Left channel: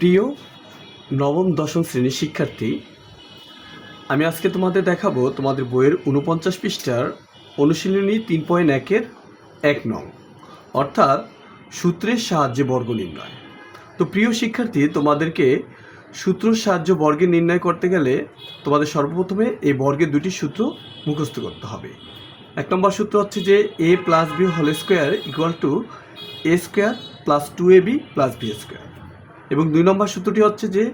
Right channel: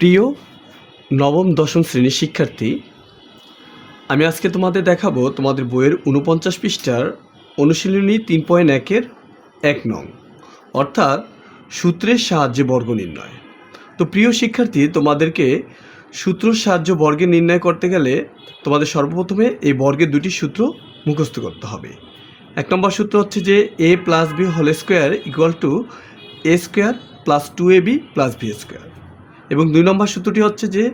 প্রিয় নবম দশম শ্রেণীর শিক্ষার্থী, আমি আজকে তোমাদের দেখাবো তোমাদের বইয়ের ৪৯ পৃষ্ঠার অনুশীলনী ৩.১-এর ১ নং, অর্থাৎ সূত্রের সাহায্যে বর্গ নির্ণয়। তো প্রিয় শিক্ষার্থী, তোমাদেরকে সূত্রের সাহায্যে বর্গ নির্ণয় করতে গেলে তোমাদের সর্বপ্রথমে এই বর্গের দুটি সূত্র মুখস্থ করতে হবে। ১ নম্বর সূত্র হচ্ছে যে a + b whole square equal to a square plus 2ab plus b square, এবং ২ নম্বর সূত্রটি হচ্ছে যে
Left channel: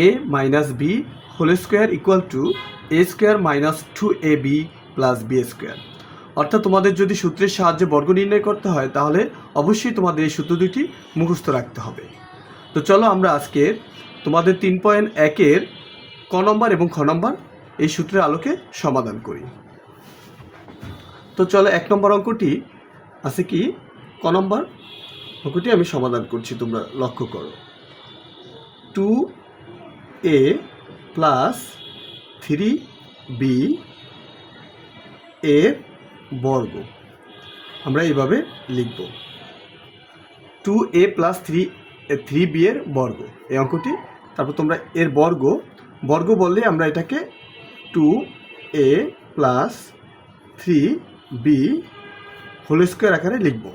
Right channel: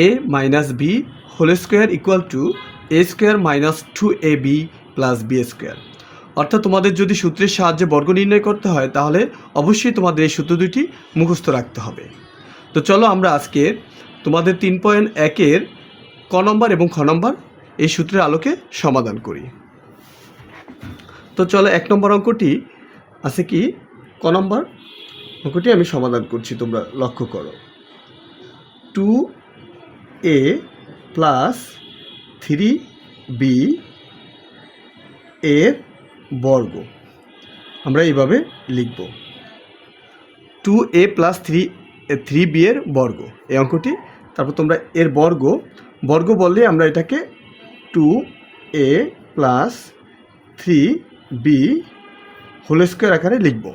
a minus b whole square equal to a square minus 2ab plus b square. অর্থাৎ তোমাদের যদি সূত্রের সাহায্যে বর্গ নির্ণয় করতে হয় তাহলে অবশ্যই তোমাদের এই সূত্র দুটি মুখস্থ রাখতে হবে। তো চলো আমরা আজকে তোমাদের ৩.১-এর ক নম্বর এবং খ নম্বর এই সূত্রের আলোকে সমাধান করি। তো চলো ১ নম্বর অঙ্কটি আছে কি, ক নম্বর অঙ্কটি আমি সমাধান করছি, তোমরা লক্ষ্য করো। 2a প্লাস 3b এর বর্গ আমরা এইভাবে লিখব, 2a প্লাস 3b এর বর্গ এই অঙ্কটি। তারপর তোমরা এর বর্গ বললে আমরা এটাকে 2a plus 3b whole square আকারে লিখব।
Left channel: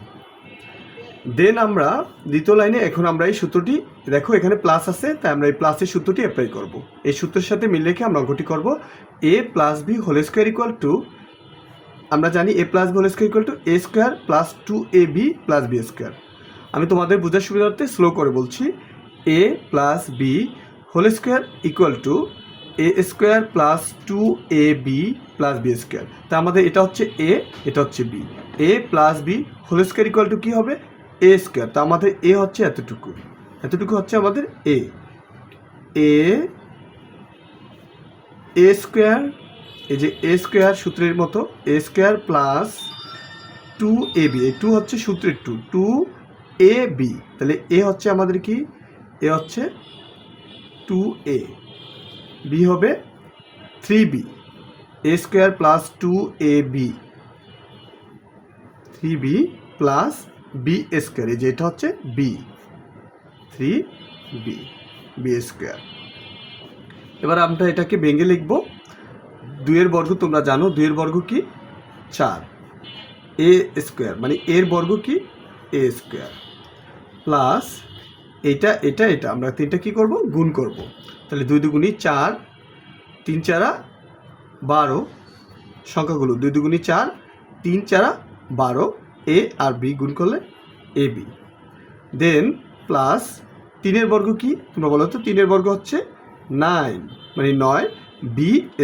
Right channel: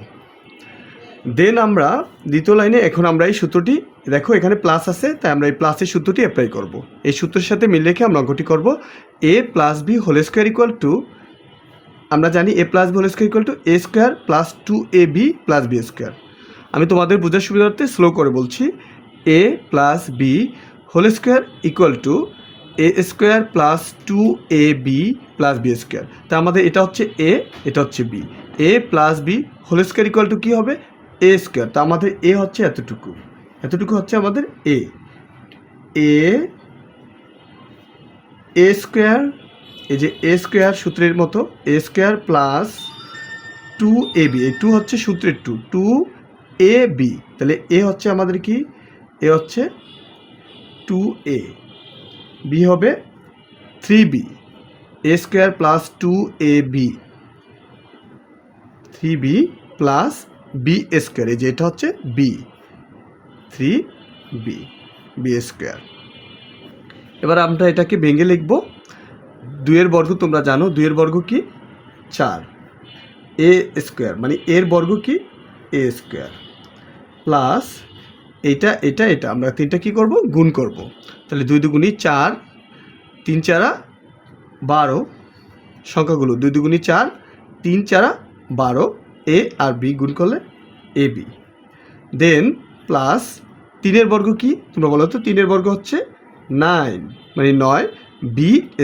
দেন আমরা দ্বিতীয় লাইনে এখন আমরা এই সূত্রটি দেখো, এখানে প্লাস আছে তাই আমরা এই প্লাসের সূত্রটি অ্যাপ্লাই করব। এই সূত্রের সাথে মিল রেখে আমরা অঙ্কটি করব। a plus b whole square equal to, আমরা জানি a plus b whole square equal to a square plus 2ab plus b square. আমি তোমাদের বোঝার সুবিধার্থে স্লো করে বলছি, a plus b whole square equal to a square plus 2ab plus b square. তা আমাদের এটা হচ্ছে a, এটা হচ্ছে b। a plus b whole square equal to কী হবে, a স্কোয়ার। তা আমাদের a হচ্ছে এতটুকু হচ্ছে আমাদের a স্কোয়ার, এই যে a স্কোয়ার সূত্রের মতো a স্কোয়ার প্লাস 2ab, এই 2 হচ্ছে সূত্রের 2ab, তাহলে a হচ্ছে আমাদের কি, a হচ্ছে 2a, b হবে 3b, a square plus 2ab 3b plus b square, এই যে এটা হচ্ছে b 3b b স্কোয়ার। এবার আমরা এটাকে ভেঙে লিখব। 2 এর বর্গ তোমরা জানো, 2 এর বর্গ কি 4, a স্কোয়ার মানে এর বর্গ কি a স্কোয়ার প্লাস এটা এটা এটা আমরা তিনটা কি করব, গুণ করব। তাহলে 2 দুগুণী 4, 3 4 12 সংখ্যাগুলো 2 দুগুণী 4, 3 4 12, a আর b গুণ করলে ab। দেন প্লাস 3 এর বর্গ কি তোমরা বলো তো, 3 এর বর্গ হচ্ছে 9 মানে 9, b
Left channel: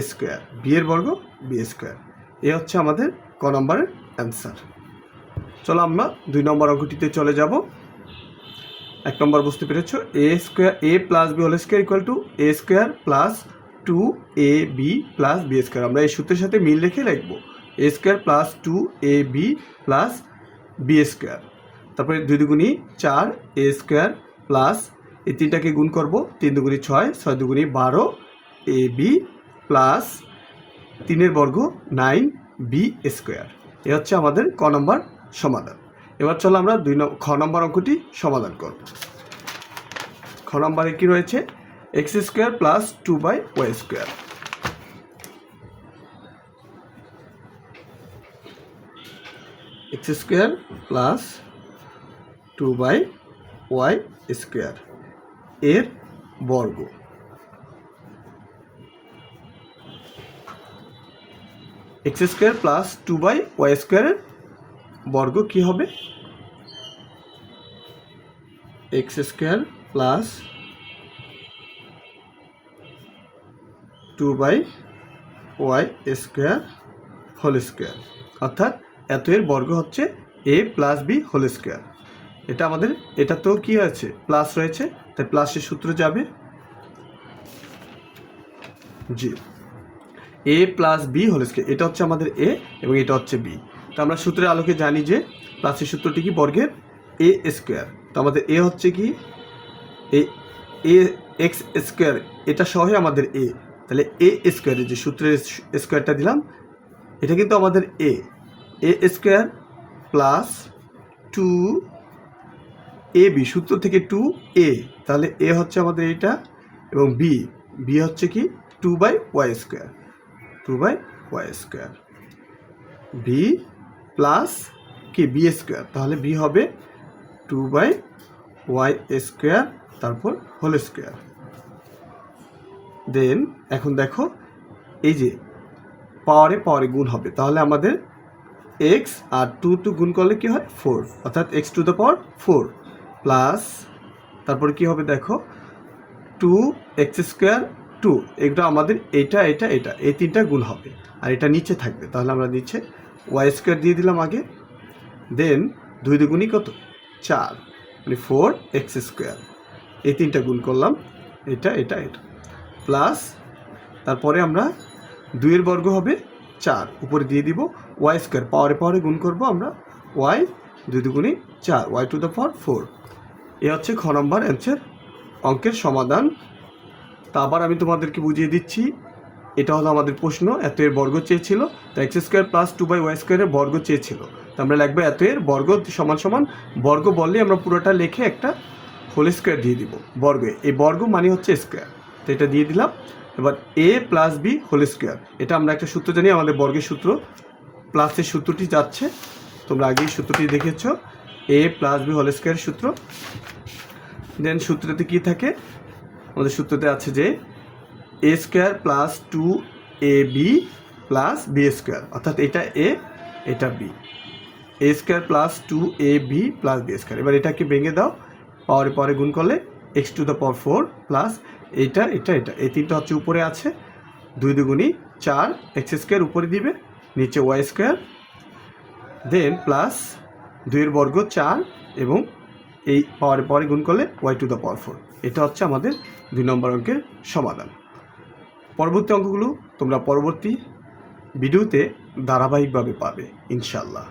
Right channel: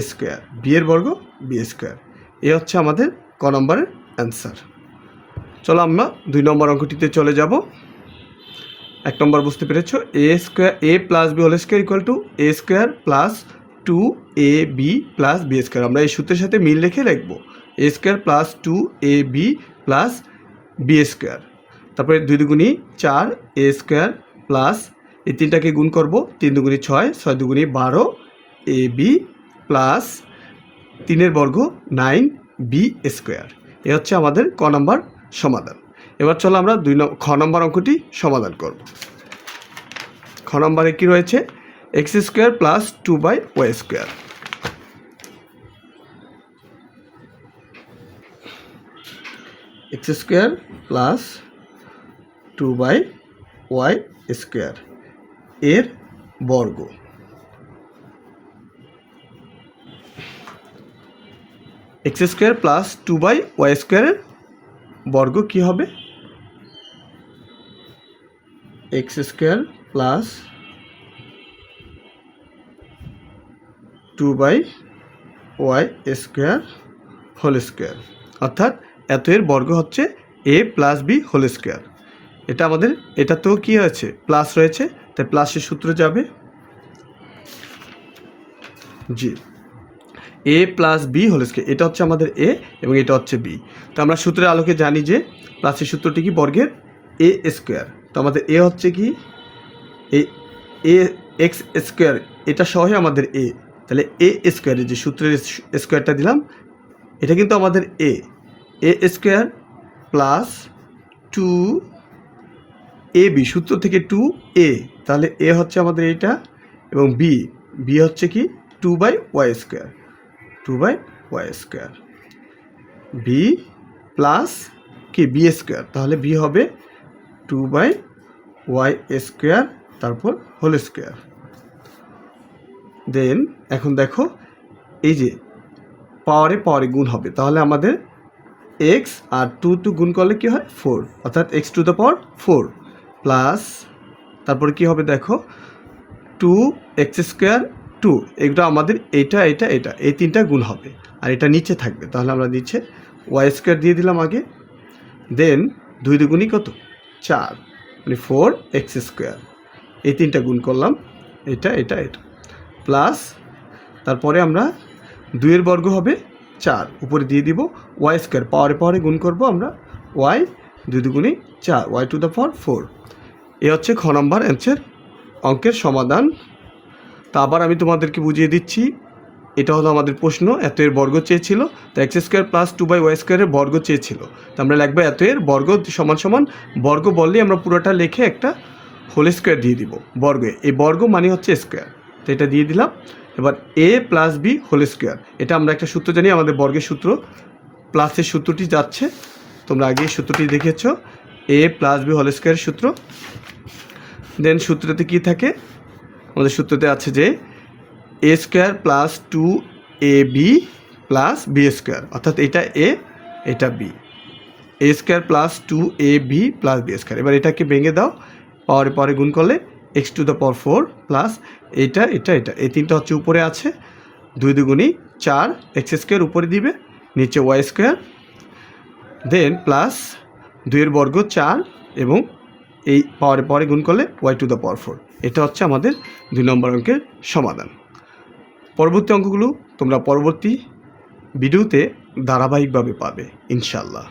স্কোয়ার, b এর বর্গ b স্কোয়ার। এ হচ্ছে আমাদের ক নম্বরের অ্যান্সার। চলো আমরা 2 নম্বর অঙ্কটিতে চলে যাব। 1 নম্বর বুঝতে পেরেছ, a square a plus b whole square equal to a square plus 2ab plus b square. আমরা এই সূত্রের সাথে মিল রেখে লিখব a square plus 2ab plus b square. তারপরে 2 দুগুণী 4 a স্কোয়ার প্লাস এই তিনটাকে গুণ করব, 3 দুগুণী 6, 6 দুগুণী 12 ab প্লাস 3 এর বর্গ 9b স্কোয়ার। এ হচ্ছে আমাদের ক নম্বর সমাধান। এবার চলো আমরা খ নম্বর অঙ্কটি সমাধান করব। খ নম্বরে কি রয়েছে, x square plus 2y square. X square plus 2y square এর বর্গ। এক্স স্কোয়ার প্লাস 2y স্কোয়ারের বর্গ কি হবে, x square plus 2y square whole square, অর্থাৎ এত এর বর্গ হচ্ছে a plus b whole square. এটা আমাদের, এটা তো কি আছে প্লাস রয়েছে তাই প্লাসের সূত্র যাবে, জি a plus b whole square, এটা হচ্ছে আমাদের a এবং এটা হচ্ছে b। তো আমরা সূত্রের আলোকে জানি যে প্লাসের সূত্রটি কি, বর্গের a স্কোয়ার। তো আমাদের a হচ্ছে কি, a এক্স স্কোয়ার, এটা সহই আমাদের a, তাহলে a স্কোয়ারের যে সূত্রের স্কোয়ারটা দিলাম এটা কিন্তু আমাদের a square plus 2 A B সূত্র থেকে 2a, তাহলে এ হচ্ছে আমাদের এইটা, এবং বি হচ্ছে কি 2/y², 2/y², বি প্লাস কি b², তাহলে বি হবে 2/y², তারপর হোল স্কোয়ার। দেন এখন দেখো এই যে পাওয়ারে গুণ হবে, তাহলে আমাদের এক্স আর 2 গুণ করলে কি হয় 4, অর্থাৎ x⁴ প্লাস তারপরে কি হবে দেখো 2x², 2, এগুলো আমাদের এটা এই তিনটা গুণ হবে, আর এটা নিচে থাকবে, তাহলে আমরা নিচে y² দিয়ে দিলাম আগে। দেন 2 দুগুণই কত 4, মানে 4x², এই তিনটা গুণ করলাম, এটা প্লাস তারপরে আমরা 2 বর্গ হবে 4, উপরে দিয়ে দিব y², পাওয়ারে গুণ করব আমরা, y 2 দুগুণই 4, y⁴। এ হচ্ছে খ নম্বর অ্যান্সার, অঙ্কের সমাধান। তা আবার আমি তোমাদেরকে বুঝিয়ে দিচ্ছি, এটা হলো আমাদের প্রশ্ন, এত এর বর্গ চেয়েছিল, তো x² + 2/y² এর বর্গ চেয়েছিল, তো আমরা লিখবো এত এর বর্গ সমান বর্গ বললেই আমরা পুরোটা লিখে একটা হোল স্কোয়ার দিয়ে দিব বর্গে, এই বর্গ মানে হচ্ছে স্কোয়ার, তো এটা দিয়ে দিলাম। এবার a + b হোল স্কোয়ার, এটা আমরা একটা সূত্র জানি, আমাদের বর্গের সূত্র, প্লাসের সূত্রটি যাচ্ছে, তোমরা আগেই সূত্রটি দেখেছ, a + b হোল স্কোয়ারের সূত্র। দেন সূত্রতে কি থাকে, আমাদের সূত্রতে আছে যে a² + 2ab + b², অর্থাৎ এটা a এটা b, a² + 2ab + b²। এবার এটাকে ভেঙে দাও, পাওয়ারে গুণ করলে x⁴ প্লাস এটা এই তিনটা হচ্ছে উপরে আছে, 2 দুগুণই 4, x² উপরে দিবে, নিচে y², দেন প্লাস 2 এর বর্গ 4, এবং এই পাওয়ারে গুণ করলে y⁴। এটা হচ্ছে আমাদের 2 নম্বর অঙ্কের সমাধান। পরবর্তী অঙ্কগুলো তোমরা পরবর্তী ভিডিওতে ধারাবাহিকভাবে পাবে ইনশাআল্লাহ।